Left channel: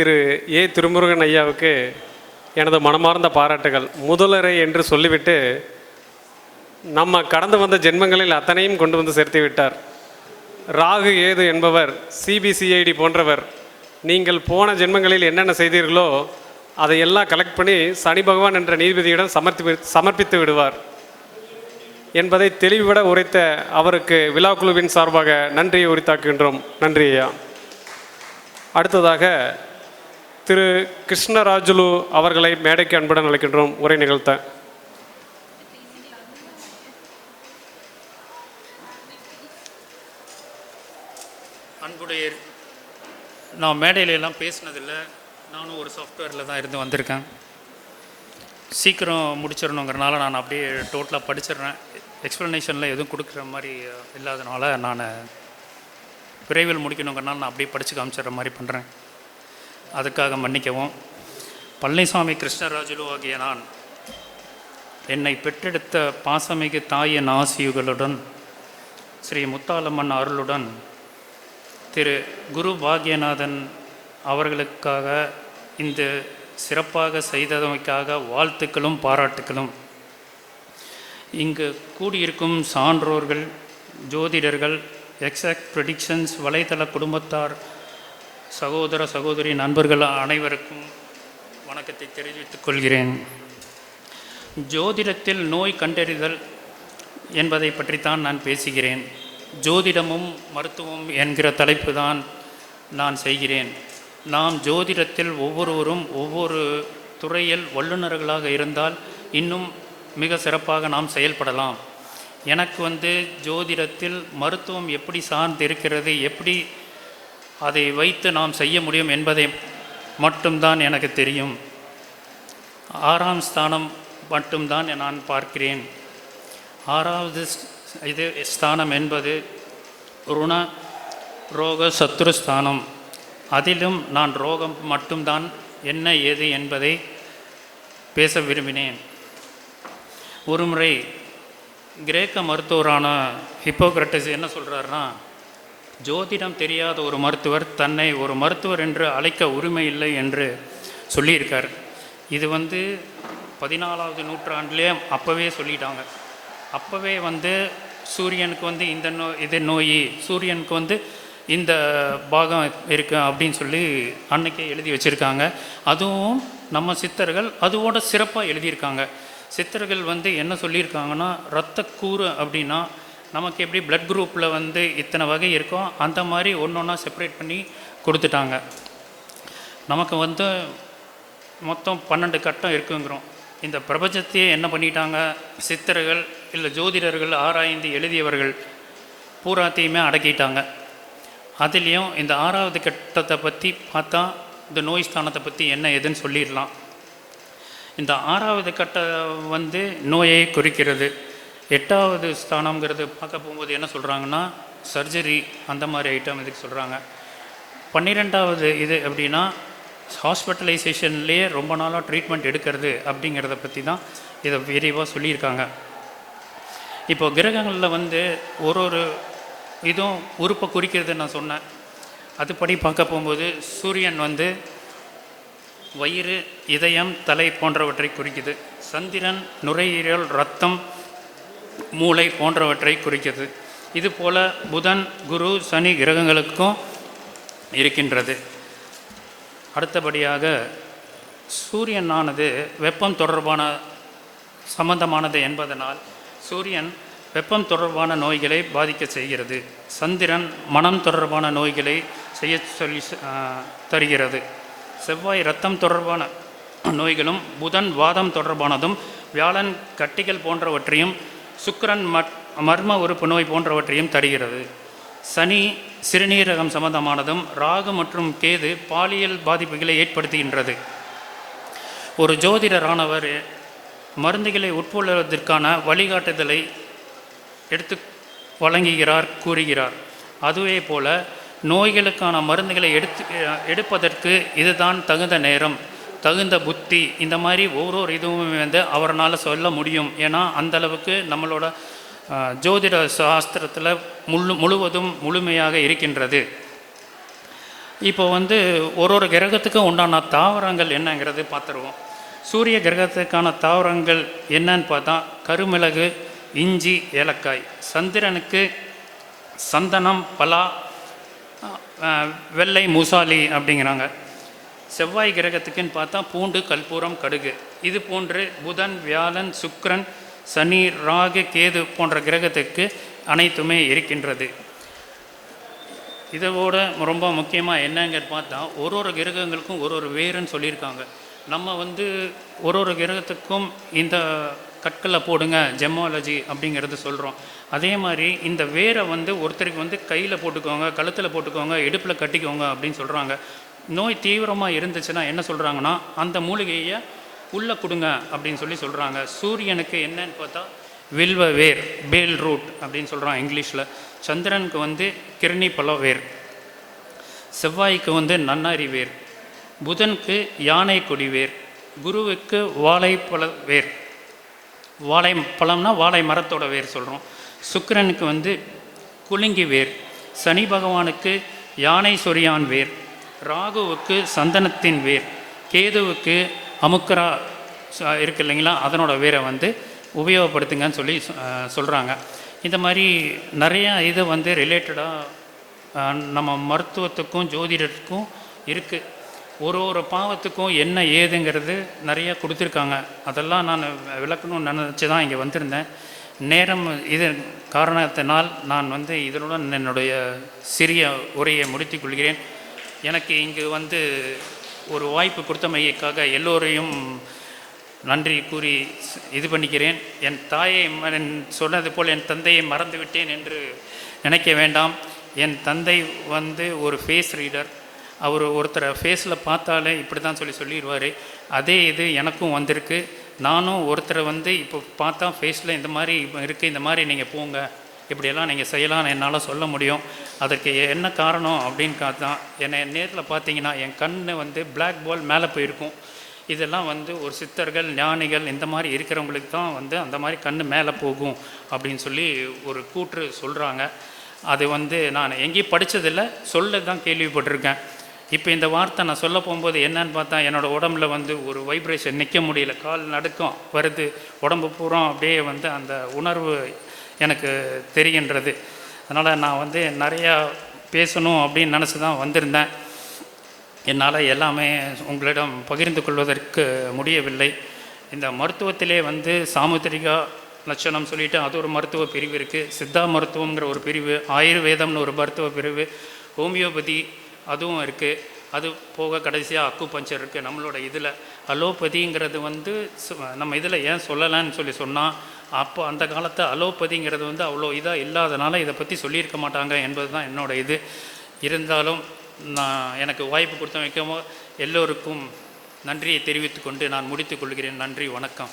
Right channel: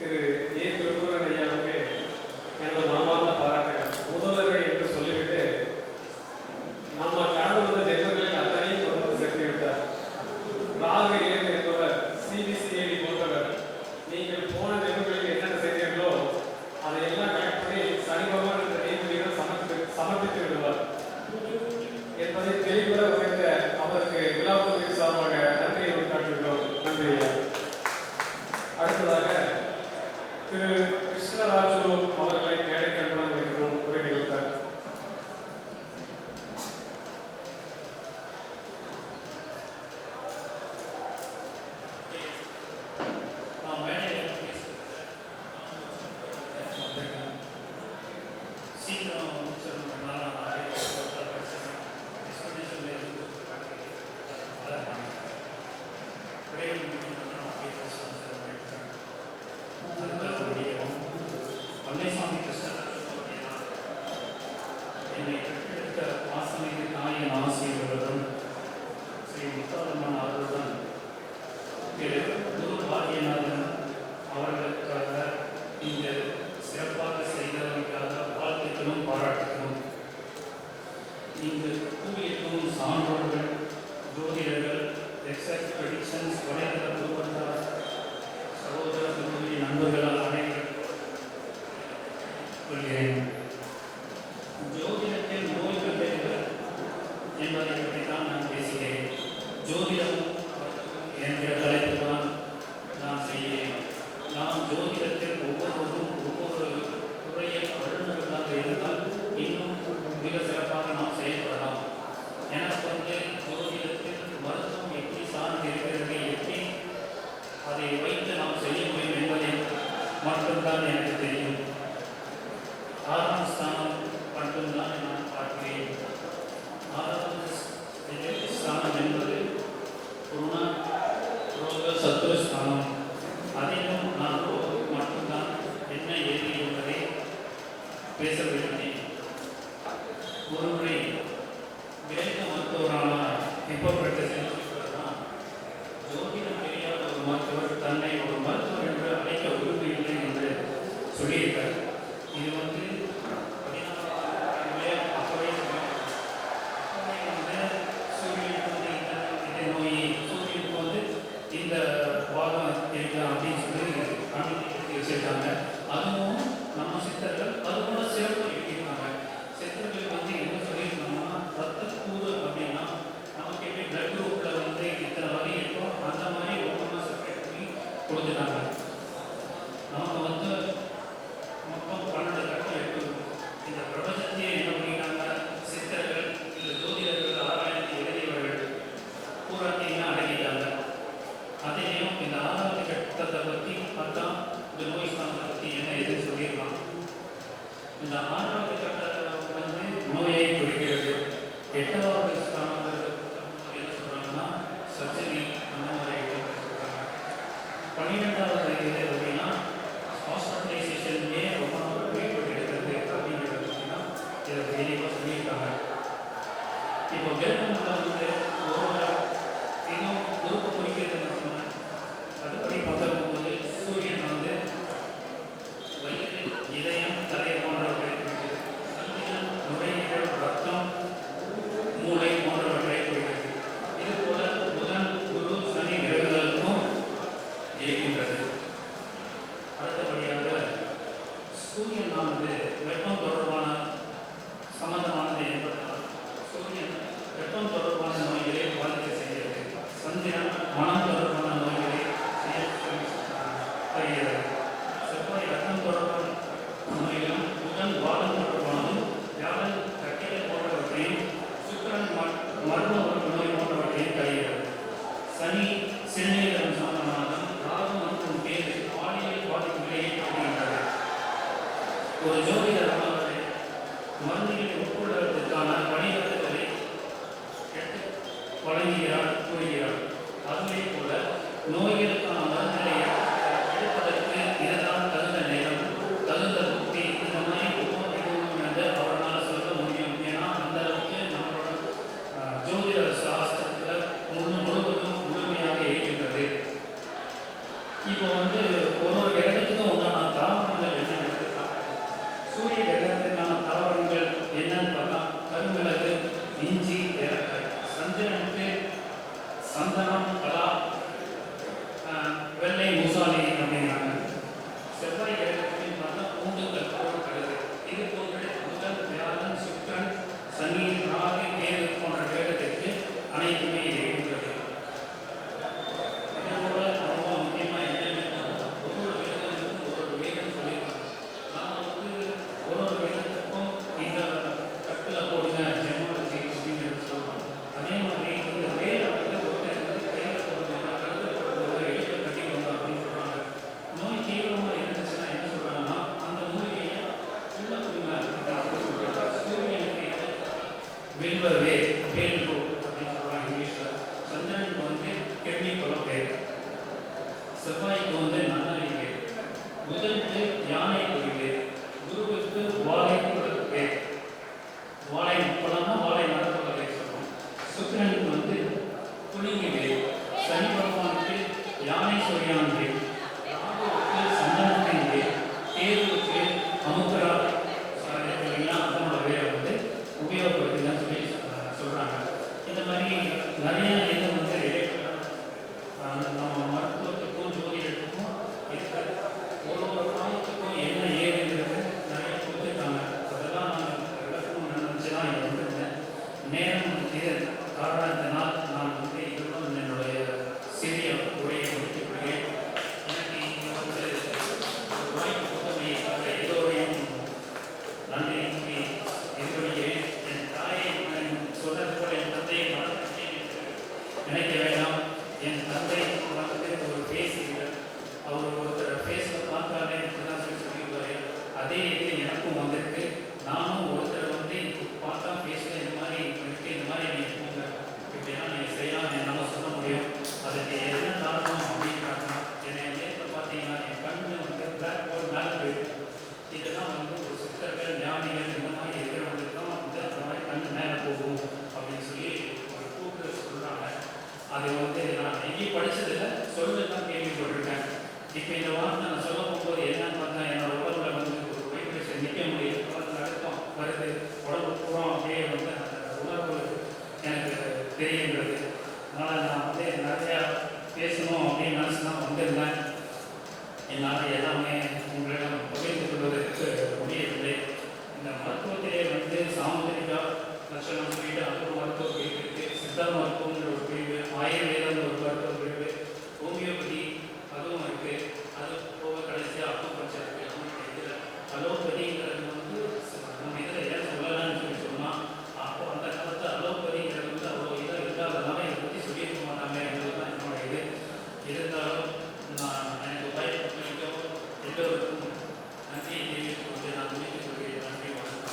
திரு ஏ திருமுருகன் ஐயாவுக்கு எனது மனமார்ந்த பாராட்டுகள். முதலரை என்று சொல்லிவிட்டு நம்ம கடந்து வந்த ஜென்மங்களில் அத்தனையும் கொண்டு வந்து சேர்த்து விட்டார். ராகு ஏது என்பவர், சிபிசிஐடி போன்றவர் நீங்கள் போன ஜென்மங்களில் என்னென்ன செய்தீர்களோ அதையெல்லாம் கலெக்ட் பண்ணி சனி பகவான் என்ற நீதிபதியிடம் சமர்ப்பித்து விடுவார் என்பதை தெளிவுபட உரைத்த அவருக்கு விழாக்குழுவின் சார்பாக நன்றியை உரித்தாக்குகின்றோம். நன்றி ஐயா. அடுத்ததாக திரு கிருஷ்ணராஜுலு அவர்களை மேடைக்கு அன்புடன் அழைக்கின்றோம் உரை நிகழ்த்த. அன்புடைய, நான் மேடையில எல்லாம் பேசினதில்லை. நானும் ஒரு சாஃப்ட்வேரில் தான் இருந்து வந்திருக்கேன். சீக்கிரம் முடிச்சிடணுங்கிறனால நான் அப்படியே டோட்டலாக படிச்சிடுறேன். எக்ஸ்ப்ளனேஷனில் எதுவும் கொடுக்குற மாதிரி இல்லாதனால நான் விரைவில் முடிக்கணுங்கிறனால நான் அப்படியே படித்து காமிச்சிடுற மாதிரி பண்ணுறேன். அதுக்காக மன்னிக்கவும். பழனிசாமி கிருஷ்ணராஜுலு ஆகிய நான் என்னை பெற்றெடுத்த பாசமிகு தாயின் ஆசியுகளுடன் ஸ்ரீ முத்தாலம்மன் அருளுடன் திரு குரு பாக்யநாதன் அவர்களுக்காக இந்த சிறப்பாக செய்தமைக்காக வாழ்த்துக்களும் பாராட்டுக்களும். இங்கு கூடியிருக்கும் சான்றோர்கள், ஜோதிடர்கள், எக்ஸாக்ட் ப்ரெடிக்ஷன்ஸ் வலைதள குடும்பத்தார், சகோதர சகோதரி நண்பர்கள் அனைவருக்கும் வணக்கத்தை தெரிவித்துக் கொள்கிறேன். ஜோதிடத்தில் நோய் கண்டறிதல் என்பதை பற்றித்தான் நான் பேசுகிறேன். ஜோதிடமும் மருத்துவம் என்கிற தலைப்பு தான் நான் செய்கிறேன். நாம் ஜோதிடத்தில் ஒவ்வொருவரும் ஒவ்வொரு துறையில் வல்லுநர்களாக இருந்தால் இன்னும் மிக சிறப்பாக நாம் செயல்படலாம். எனக்கு ஜோதிடத்தில் மருத்துவம் எப்படி சார்ந்து இருக்கிறது, எப்படி அதை வைத்து நாம் செய்ய முடியும் என்பதை மட்டும்தான் எனக்கு தெரியும். 6ஆம் ஸ்தானம் மட்டும்தான் நான் பார்க்கிறேன். 6வது ஸ்தானம் என்பது ருண ரோக சத்ருஸ்தானம். அதிலும் நான் ரோகம் மட்டும்தான் என்ன ஏது என்பதை பேச விரும்பினேன். ஒருமுறை கிரேக்க மருத்துவரான ஹிப்போக்ரட்டஸ் என்ன சொல்கிறாருன்னா, ஜோதிடம் தெரியாத ஒரு மருத்துவர் தன்னை ஒரு மருத்துவர் என்று அழைக்க உரிமை இல்லை என்று சொல்லியிருக்கார். இது 14வது நூற்றாண்டுலேயே அப்போவே சொல்லிட்டாங்க. அப்போவே சூரியனுக்கு இந்த நோய், சூரியனுக்கு இந்த பாகம் இருக்கு அப்படின்னு சொல்லி அன்னைக்கு எழுதி வச்சுருக்காங்க. அதுவும் நம்ம சித்தர்கள் அதோட சிறப்பாக எழுதியிருக்காங்க. சித்தர்கள் என்ன சொல்லியிருக்காங்கன்னா, இரத்தக்கூறு அப்படின்னா நமக்கு எப்படி பிளட் குரூப்பில் இத்தனை வகை இருக்கோ அந்த மாதிரி ஒன்று ஒன்றா செப்பரேட் பண்ணி கொடுத்துட்டாங்க. நமக்கு மொத்தம் 12 கட்டம் இருக்குங்கிறோம். இந்த பிரபஞ்சத்தையே என்ன பண்ணிட்டாங்க, சித்தர்கள் இல்லை ஜோதிடர்கள் ஆராய்ந்து எழுதியவர்கள் பூராத்தையுமே அடக்கிட்டாங்க. அதுலேயும் இந்த 6வது கட்டத்தை பற்றி பார்த்தா இந்த நோய் ஸ்தானத்தை பற்றி என்ன எதுன்னு சொல்லிடலாம். இந்த 6வது கட்டம் நோயை குறிக்கிறது. 8வது ஸ்தானங்கிறது பார்க்க போகும்போது என்ன சொல்கிறாங்கன்னா, சர்ஜரி அந்த மாதிரி ஐட்டம் இதுக்கு சொல்கிறாங்க. 12வது இது அப்படின்னா ஹாஸ்பிட்டலைசேஷன்லேயே ரொம்ப நாளாக ட்ரீட்மெண்ட் எடுக்கிறது அப்படிங்கிறத பற்றி தான் இதை விரிவாக சொல்லியிருக்காங்க. இப்போ கிரகங்களில் ஒரு இதுவும் உறுப்பை குறிக்கிறது நான் சொன்னேன். அதுபடி பார்க்க போகும்போது சூரியன் வயிறு, இதயம், தலை போன்றவற்றை குறிக்குது. சந்திரன் நுரையீரல், இரத்தம், மூளை போன்றவற்றை குறிக்குது. இதுபோல் புதன், குரு, சனி கிரகங்களுக்கும் இருக்கின்றது. அடுத்தபடியாக சூரியனானது வெப்பம் தொடர்பான சம்பந்தமானது என்பதனால் சூரியன் வெப்பம் தொடர்பான நோய்களை பாதிக்க செய்கிறது. சந்திரன் மனம் தொடர்பான நோய்களை செய்ய சொல்லி தருகிறது. செவ்வாய் இரத்தம் தொடர்பான நோய்களும், புதன் வாதம் தொடர்பானதும், வியாழன் கட்டிகள் போன்றவற்றையும், சுக்கிரன் மர்ம உறுப்பு நோய் போன்றவற்றையும் தருகிறது. சனி சிறுநீரகம் சம்பந்தமானதும், ராகு மற்றும் கேது பாலியல் பாதிப்புகளை ஏற்படுத்துகின்றது. ஒரு ஜோதிடரானவர் மருந்துகளை உட்கொள்வதற்கான வழிகாட்டுதலை எடுத்து வழங்குகிறார், கூறுகிறார். அதுவே போல நோய்களுக்கான மருந்துகளை எடுப்பதற்கு இதுதான் தகுந்த நேரம், தகுந்த புத்தி, இந்த மாதிரி ஒவ்வொரு இதுவும் அவரால் சொல்ல முடியும். ஏன்னா அந்தளவுக்கு நம்மளோட ஜோதிட சாஸ்திரத்தில் முழுவதும் முழுமையாக இருக்கின்றது. இப்போ வந்து ஒரு ஒரு கிரகத்துக்கும் உண்டான தாவரங்கள் என்னங்கிறது பார்த்துருவோம். சூரிய கிரகத்துக்கான தாவரங்கள் என்னன்னு பார்த்தா கருமிளகு, இஞ்சி, ஏலக்காய். சந்திரனுக்கு சந்தனம், பலா, வெள்ளை மூசாலி அப்படிங்கிறாங்க. செவ்வாய் கிரகத்துக்குன்னு பார்த்தா பூண்டு, கற்பூரம், கடுகு. இது போன்று புதன், வியாழன், சுக்கிரன், சனி, ராகு, கேது போன்ற கிரகத்துக்கு அனைத்துமே இருக்கின்றது. இதோட ரொம்ப முக்கியமாக என்னங்க பார்த்தா ஒரு ஒரு கிரகங்களுக்கும் ஒரு ஒரு வேருன்னு சொல்லியிருக்காங்க. நம்ம வந்து ஒரு ஒரு கிரகத்துக்கும் இந்த கற்களை போடுங்க, ஜெமாலஜி அப்படிங்கிறது சொல்கிறோம். அதே மாதிரி இந்த வேரை வந்து ஒருத்தருக்கு வந்து கையில் போட்டுக்கோங்க, கழுத்தில் போட்டுக்கோங்க, இடுப்பில் கட்டிக்கோங்க அப்படின்னு சொல்கிறாங்க. நோய் தீவிரமாக இருந்துச்சுன்னா என்ன சொல்கிறாங்கன்னா அந்த மூலிகையை உள்ளே கொடுங்க அப்படின்னு சொல்கிறாங்க. சூரியனுக்கு என்னன்னு பார்த்தா வில்வ வேர், பேல் ரூட் அப்படின்னு சொல்கிறான் இங்கிலீஷில். சந்திரனுக்கு வந்து கிருணி பழ வேர், செவ்வாய்க்கு வந்து நன்னாரி வேர், புதனுக்கு யானை கொடி வேர், குருவுக்கு வாழைப்பழ வேர், வாழை பழம்னா வாழை மரத்தோட வேர் சொல்கிறோம். சுக்கிரனுக்கு வந்து குலுங்கி வேர், சனி பகவானுக்கு யானை சொரியான் வேர், ராகுவுக்கு சந்தனத்தின் வேர், கேதுவுக்கு அமுக்கரா இருக்கு இல்லைங்களா, அதனோட வேரை வந்து உபயோகப்படுத்துங்கன்னு சொல்கிறாங்க. இந்த மாதிரி நிறையா இது வந்து ரிலேட்டடாக நம்ம மருத்துவத்துக்கும் ஜோதிடத்துக்கும் இருக்குது. ஒரு ஒரு பாவத்துக்கும் என்ன ஏதுங்கிறது நிறையா கொடுத்துருக்காங்க. அதெல்லாம் நான் விளக்கணும்னு நினச்சி தான் இங்கே வந்திருந்தேன். நேரம் இது காரணத்தினால் நான் வந்து இதனுடன் என்னுடைய சிறிய உரையை முடித்துக் கொள்கிறேன். எனக்கு இங்கு வந்து ஒரு வாய்ப்பு கொடுத்தமைக்காக எல்லோரையும் நன்றி கூறி இது பண்ணிக்கிறேன். என் தாயை சொன்னது போல் என் தந்தையை மறந்துவிட்டேன் என்று நினைக்க வேண்டாம். என் தந்தை வந்து ஒரு ஃபேஸ் ரீடர். அவர் ஒருத்தரை ஃபேஸில் பார்த்தாலே இப்படி தான் சொல்லிடுவார். அதே இது எனக்கும் வந்திருக்கு. நானும் ஒருத்தரை வந்து இப்போ பார்த்தா ஃபேஸில் இந்த மாதிரி இருக்குது, இந்த மாதிரி நீங்கள் போங்க, இப்படியெல்லாம் நீங்கள் செய்யலாம்னு என்னால் சொல்ல முடியும். அதுக்கு என்ன காரணம் அப்படின்னு பார்த்தா, என்னை நேரில் பார்த்தீங்கன்னா என் கண் வந்து பிளாக் பால் மேலே போயிருக்கும். இதெல்லாம் வந்து ஒரு சித்தர்கள், ஞானிகள் இந்த மாதிரி இருக்கிறவங்களுக்கு தான் வந்து அந்த மாதிரி கண் மேலே போகும் அப்படின்னு சொல்லி ஒரு கூற்று சொல்கிறாங்க. அது வந்து நான் எங்கேயும் படித்ததில்லை, சொல்ல தான் கேள்விப்பட்டிருக்கேன். இப்போ இந்த வார்த்தை நான் சொல்ல போகும்போது என்னன்னு பார்த்தா என்னோடய உடம்புல வந்து ஒரு வைப்ரேஷன், நிற்க முடியல, கால் நடுக்கம் வருது, உடம்பு பூரா அப்படியே வந்து அந்த உணர்வு எனக்கு தெரிகின்றது. அதனால் நான் வந்து நிறையா பேசணும் அப்படின்னு நினச்சி தான் வந்திருந்தேன். என்னால் எல்லாமே உங்களிடம் பகிர்ந்து கொள்வதற்கு முடியவில்லை. இந்த மருத்துவத்திலே வந்து சாமுத்திரிகா லட்சணம் சொல்லிவிட்டு அது ஒரு மருத்துவ பிரிவு இருக்குது, சித்தா மருத்துவங்கிற ஒரு பிரிவு, ஆயுர்வேதம்னு ஒரு மருத்துவ பிரிவு, ஹோமியோபதி அதுவும் இருக்குது. அது போக கடைசியாக அக்குபஞ்சர் இருக்குது. நம்மளோட இதில் அலோபதிங்கிறது வந்து நம்ம இதில் ஏன் சொல்லலைன்னு சொன்னால், அப்போ அந்த காலத்தை அலோபதிங்கிறது வந்து அவ்வளோ இதாக இல்லாதனால இதை பற்றி சொல்லியிருக்க மாட்டாங்க என்பது தான் என்னோட இது. இருந்தாலும் நான் எனக்கு வாய்ப்பு கொடுத்த வைக்கவும் எல்லோருக்கும் நன்றியை தெரிவித்துக்கொண்டு நான் முடித்துக்கொள்கிறேன். நன்றி, வணக்கம்.